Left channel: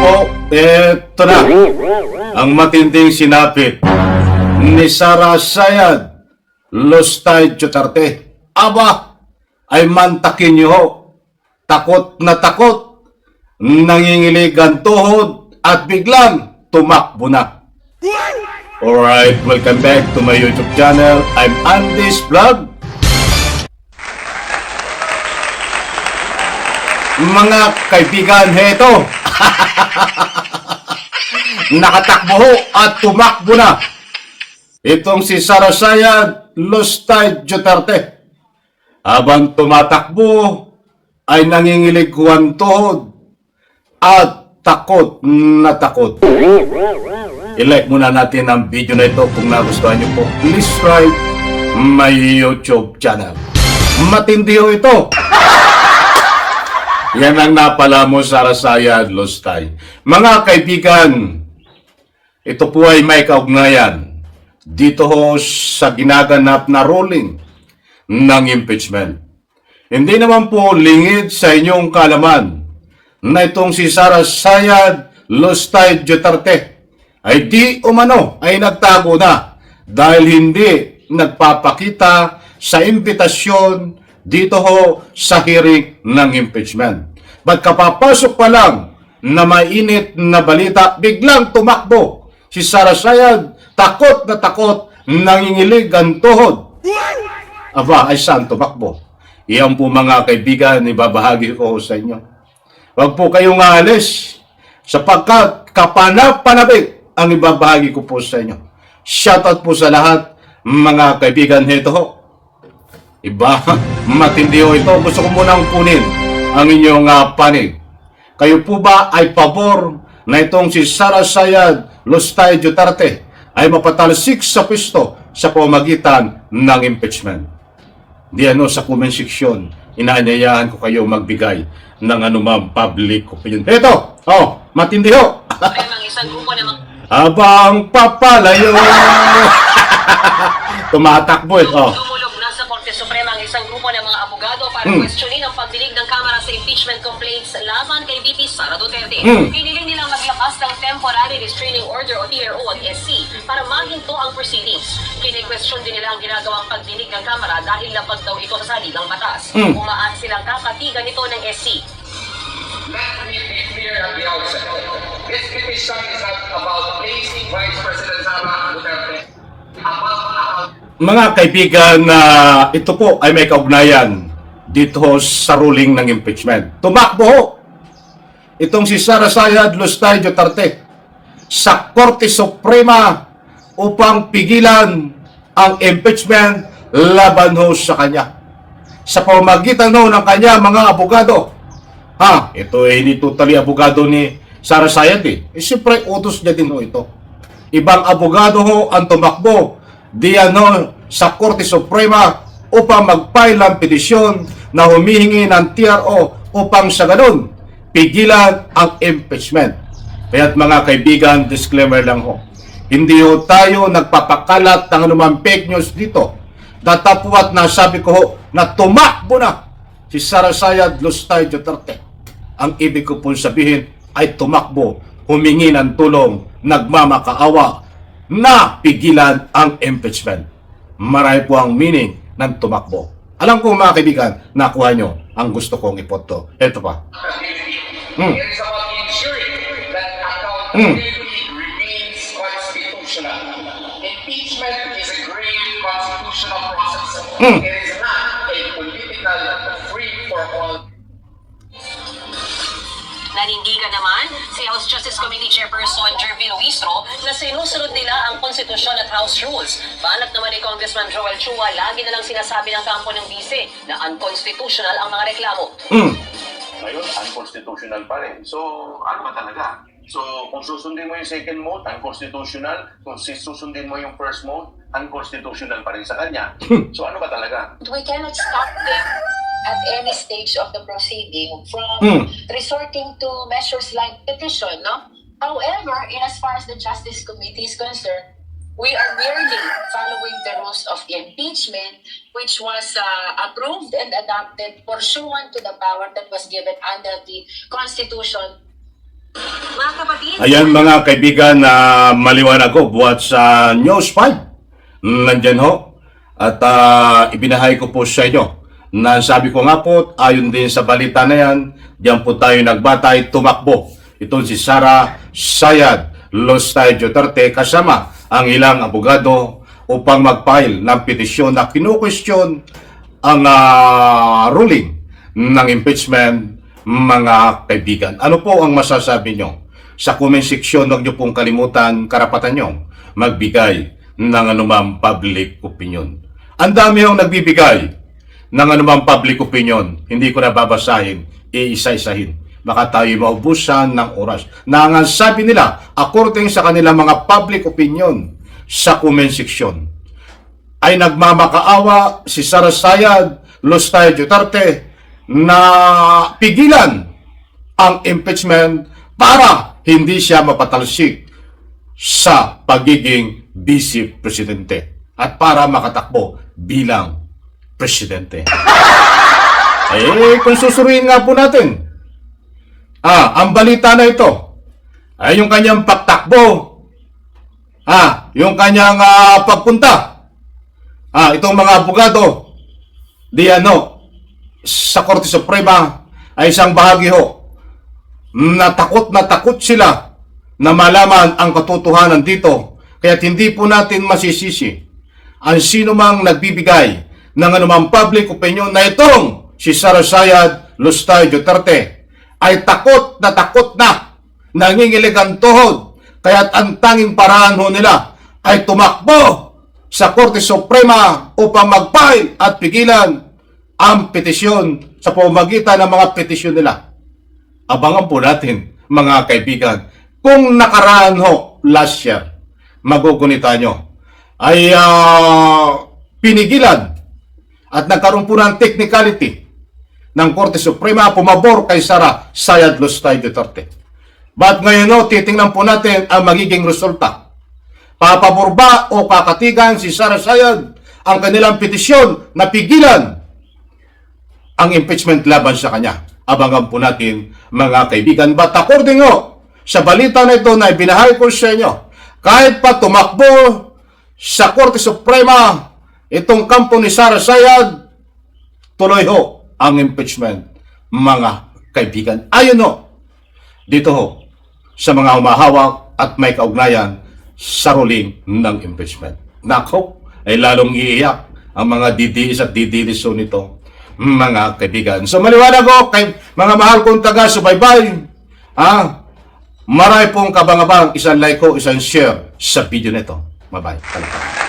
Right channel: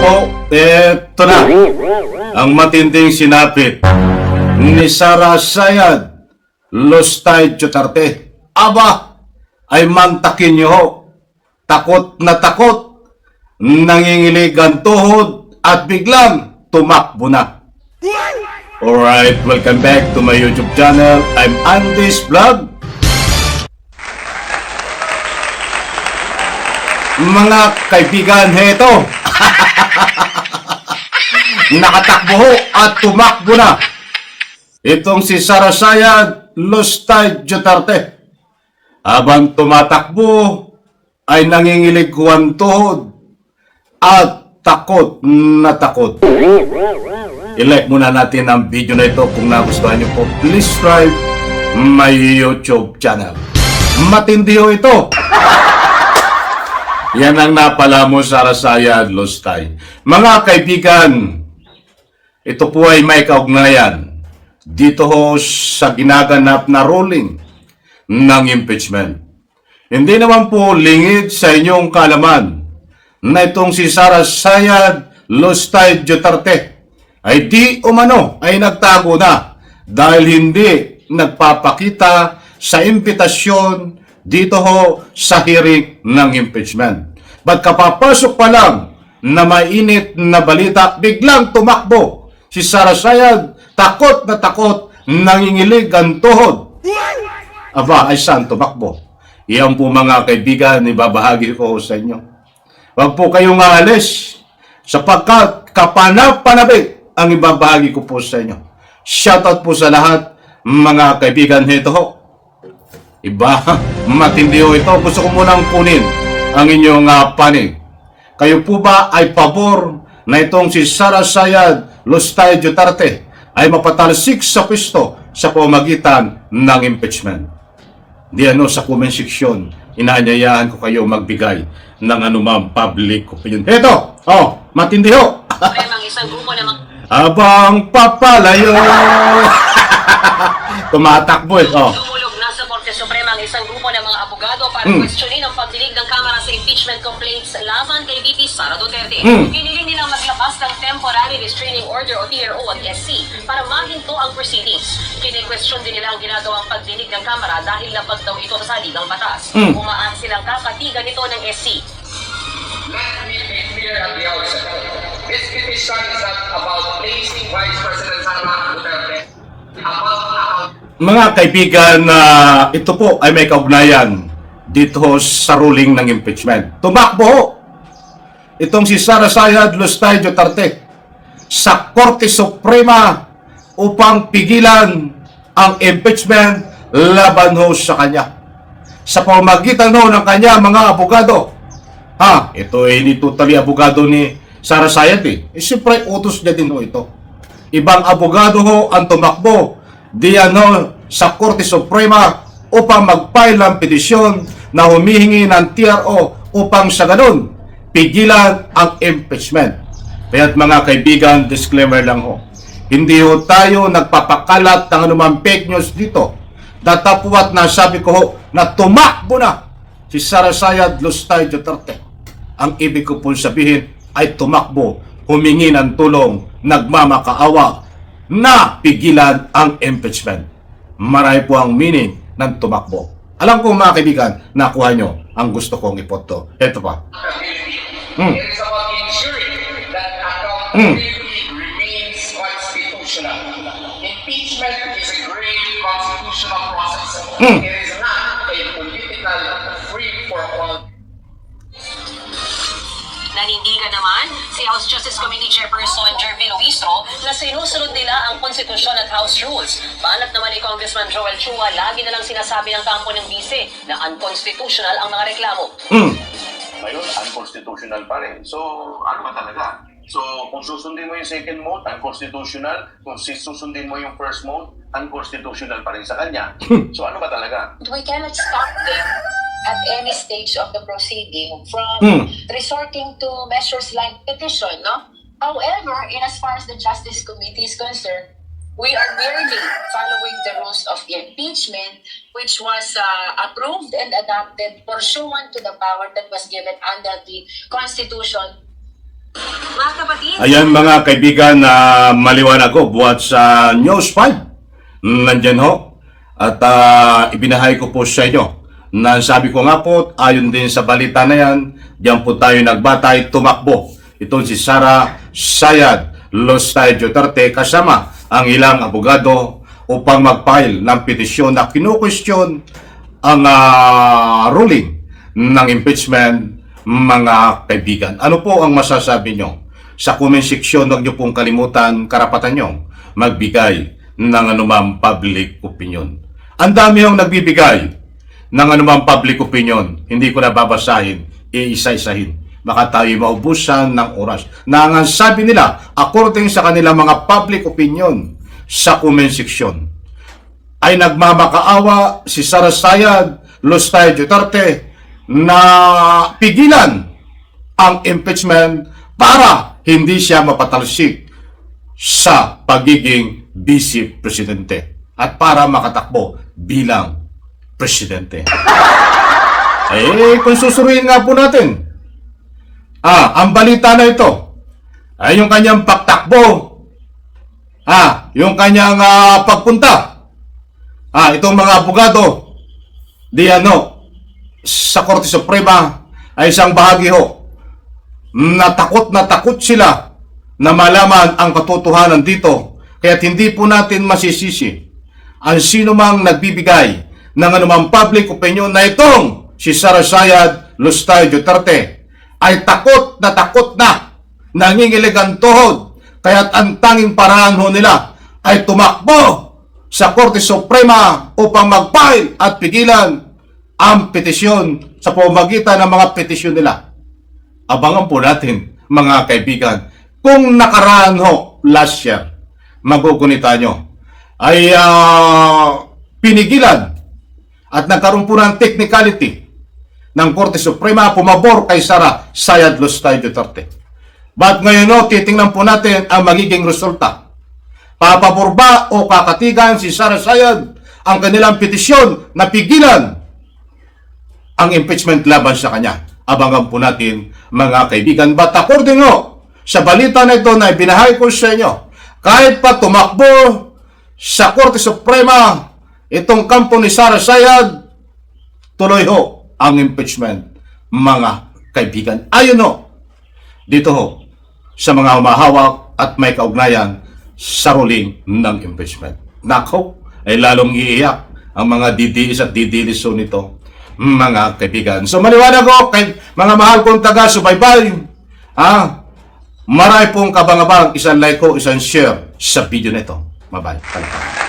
po, eto na ang matinding sinapit ni Sara Sayad Lustay Duterte. Aba, ay mantakin niyo ho. Takot na takot, nangingilig ang tuhod at biglang tumakbo na. Alright, welcome back to my YouTube channel. I'm Andy's Vlog. Mga kaibigan, heto. Nakatakbo ho at tumakbo na. Itong si Sara Sayad Lustay Duterte. Habang tumatakbo, ay nangingilig ang tuhod at takot na takot. I-like muna natin ang video na ito kung nagustuhan niyo po. Please subscribe my YouTube channel. Matindi ho ito. Yan ang napala mo, Sara Sayad Lustay. Mga kaibigan, ito po ay may kaugnayan dito ho sa ginaganap na ruling ng impeachment. Hindi naman po lingid sa inyong kalaman na itong si Sara Sayad Lustay Duterte ay di umano ay nagtago na dahil hindi nagpapakita sa impitasyon dito ho sa hearing ng impeachment. Ba't kapapasok pa lang na mainit na balita, biglang tumakbo si Sara Sayad, takot na takot, nangingilig ang tuhod. Aba, ay saan tumakbo? Iyan po mga kaibigan, ibabahagi ko sa inyo. Huwag po kayong aalis sapagkat kapanapanabik ang ibabahagi ko po sa inyo. Shoutout po sa lahat mga kaibigan nito ho. Iba, matindi ho ito. Gusto ko munang kunin ang inyong panig. Kayo po ba ay pabor na itong si Sara Sayad Lustay Duterte ay mapatalsik sa pwesto sa pamagitan ng impeachment? Di sa comment section, inaanyayahan ko kayo magbigay ng anumang public opinion. Ito, matindi ho. Abang papalayo. Tumatakbo Tumulog na sa Korte Suprema ang isang grupo ng mga abogado para questionin ang pagdinig ng Kamara sa impeachment complaints laban kay VP Sara Duterte. Piniling nilang maglapas ng Temporary Restraining Order o TRO at SC para mahinto ang proceedings. Kine-question din nila ang ginagawang pagdinig ng Kamara dahil labag daw ito sa saligang batas. Umaan silang kakatigan ito ng SC. Let me be clear at the outset. This petition is not about placing Vice President Sara Duterte Mga kaibigan, ito po ay may kaugnayan dito sa ruling ng impeachment. Tumakbo ho itong si Sara Sayad Lustay Duterte sa Korte Suprema upang pigilan ang impeachment laban ho sa kanya. Sa pamamagitan ho ng kanya mga abogado. Ito ay hindi totally abogado ni Sara Sayad siyempre utos niya din ho ito. Ibang abogado ho ang tumakbo sa Korte Suprema upang mag-file ng petisyon na humihingi ng TRO upang sa ganun pigilan ang impeachment. Kaya't mga kaibigan, disclaimer lang ho. Hindi ho tayo nagpapakalat ng anumang fake news dito. Datapwat na sabi ko ho na tumakbo na si Sara Sayad Lustay Duterte. Ang ibig ko po sabihin ay tumakbo, humingi ng tulong, nagmamakaawa na pigilan ang impeachment. Marami po ang meaning ng tumakbo. Alam ko mga kaibigan, nakuha nyo ang gusto kong ipoto. Ito pa. It is about ensuring that accountability remains constitutional. Impeachment is a great constitutional process. It is not a political free-for-all. Nanindigan naman si House Justice Committee Chairperson Jervin Luistro na sinusunod nila ang konstitusyon at House rules. Balat naman ni Congressman Joel Chua, lagi na lang sinasabi ng kampo ng bise na unconstitutional ang mga reklamo. Ngayon, unconstitutional pa rin. So, ano ba talaga? So, kung susundin mo yung second mode, unconstitutional. Kung susundin mo yung first mode, unconstitutional pa rin sa kanya. So, ano ba talaga? We cannot stop them at any stage of the proceeding from resorting to measures like petition, no? However, in as far as the Justice Committee is concerned, we are merely following the rules of impeachment, which was approved and adopted pursuant to the power that was given under the Constitution. Mga kapatid, Ayan mga kaibigan, na maliwanag ko buhat sa News 5. Nandyan ho. At ibinahay ko po sa inyo na sabi ko nga po, ayon din sa balita na yan, diyan po tayo nagbatay, tumakbo. Ito si Sara Sayad Lostay Duterte kasama ang ilang abogado upang mag-file ng petisyon na kinukwestiyon ang ruling ng impeachment, mga kaibigan. Ano po ang masasabi nyo? Sa comment section, huwag nyo pong kalimutan, karapatan nyo magbigay ng anumang public opinion. Ang dami yung nagbibigay ng anumang public opinion. Hindi ko na babasahin, iisa-isahin. Baka tayo maubusan ng oras. Na ang sabi nila, according sa kanilang mga public opinion sa comment section, ay nagmamakaawa si Sara Sayad Lostay Duterte na pigilan ang impeachment para hindi siya mapatalsik sa pagiging vice presidente at para makatakbo bilang presidente. Kung susuriin nga po natin, ang balita na ito ay yung kanyang pagtakbo, yung kanyang pagpunta, itong mga abogado sa Korte Suprema ay isang bahagi ho na takot sila na malaman ang katotohanan dito. Kaya hindi po natin masisisi ang sino mang nagbibigay ng anumang public opinion na itong si Sara Sayad Lostay Duterte ay takot na nangingilig ang tuhod. Kaya't ang tanging paraan ho nila ay tumakbo sa Korte Suprema upang mag-file at pigilan ang petisyon sa pamamagitan ng mga petisyon nila. Abangan po natin, mga kaibigan, kung nakaraan ho last year, magugunita nyo, ay pinigilan at nagkaroon po ng technicality ng Korte Suprema pumabor kay Sara Sayad Lostay Duterte. But ngayon titingnan po natin ang magiging resulta. Papabor ba o kakatigan si Sara Sayad ang kanilang petisyon na pigilan ang impeachment laban sa kanya? Abangan po natin, mga kaibigan. But according sa balita na ito na ibinahay ko sa inyo, kahit pa tumakbo sa Korte Suprema itong kampo ni Sara Sayad, tuloy ang impeachment, mga kaibigan. Ayon dito sa mga humahawak at may kaugnayan sa ruling ng impeachment. Nako, ay lalong iiyak ang mga didilis at didilis nito, mga kaibigan. So maliwanag kay mga mahal kong taga-subaybay, marami pong kabang-abang, isang like isang share sa video nito. Bye-bye.